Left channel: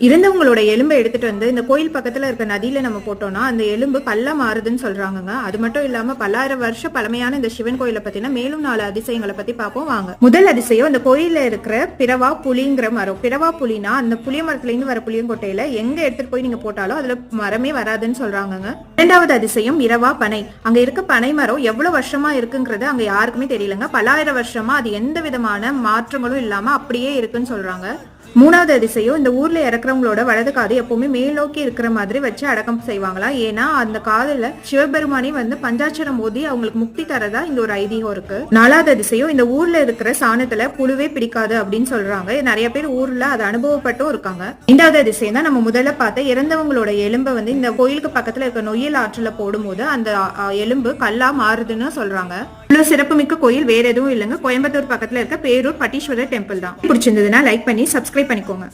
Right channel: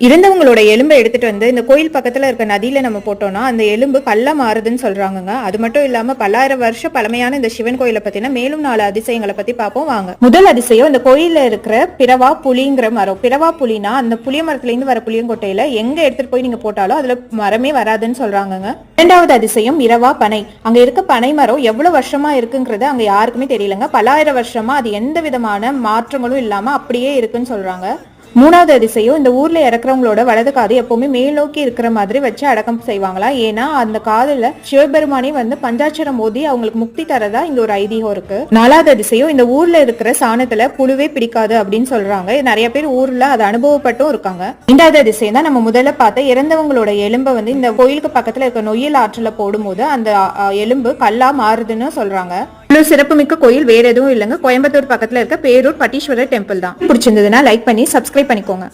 இறந்தவங்களோட எலும்பை எடுத்துட்டு வந்து இந்த கோயில் பக்கத்துல இருக்க நதியில நம்ம போட்டோம்னா அந்த எலும்பு கல்ல மாறுதுன்னு சொல்றாங்கங்க. அது மட்டும் இல்லாம பல்லாயிரம் வருஷம் பழமையான இந்த சிவன் கோயிலை பத்தின மேலும் நாலு அதிசயங்களை பத்தி பார்ப்போம் வாங்க. முதல் அதிசயம் இந்த கோயில இருக்கிற பிறவா புலிங்கிற மரம். பிறவா புலினா அந்த புளிய மரத்துல இருந்து வர புளியங்கொட்டையில எங்க எடுத்துட்டு போய் நீங்க போட்டாலும் அதுல மரமே வராதுன்னு சொல்றாங்கங்க. இரண்டாவது அதிசயம் இரவா பனை. அங்க இருக்க பனை மரம் எவ்வளவு வருஷமா இருக்குங்கிறது அங்க யாருக்குமே தெரியலங்க. பல்லாயிரம் வருஷமா அது எந்த விதமான மாற்றங்களும் இல்லாம அப்படியே இருக்குன்னு சொல்றாங்க. மூணாவது அதிசயம் இந்த ஊர்ல இறக்குறவங்களோட வலது காது எப்பவுமே மேல் நோக்கி இருக்கிற மாதிரி வச்சு அடக்கம் செய்வாங்களா? ஏன்னா அந்த காதுல சிவபெருமானே வந்து பஞ்சாட்சரம் மோதி அவங்களுக்கு முக்தி தரதா இங்க ஒரு ஐதீகம் இருக்கு. நாலாவது அதிசயம் இந்த ஊர்ல இருக்கிற சாணத்துல புழுவே பிடிக்காது அப்படின்னு சொல்றாங்க. நிறைய பேர் ஊர்ல அதை அனுபவப்பட்டும் இருக்காங்க. ஐந்தாவது அதிசயம் தான் நம்ம முதல்ல பார்த்த இறந்தவங்களோட எலும்பை வந்து இந்த கோயிலுக்கு பக்கத்துல இருக்க நொய்யல் ஆற்றுல போடும்போது அந்த எலும்பு கல்லா மாறுதுன்னு சொல்றாங்க. இவ்வளவு சிறப்புமிக்க கோயில் வேற எதுவும் இல்லைங்க. கோயம்புத்தூர் பக்கத்துல இருக்க பேரூர் பட்டீஸ்வரர் டெம்பிள் தான். பிடிச்சிருந்ததுன்னா லைக் பண்ணி சப்ஸ்கிரைப் பண்ணிக்கோங்க.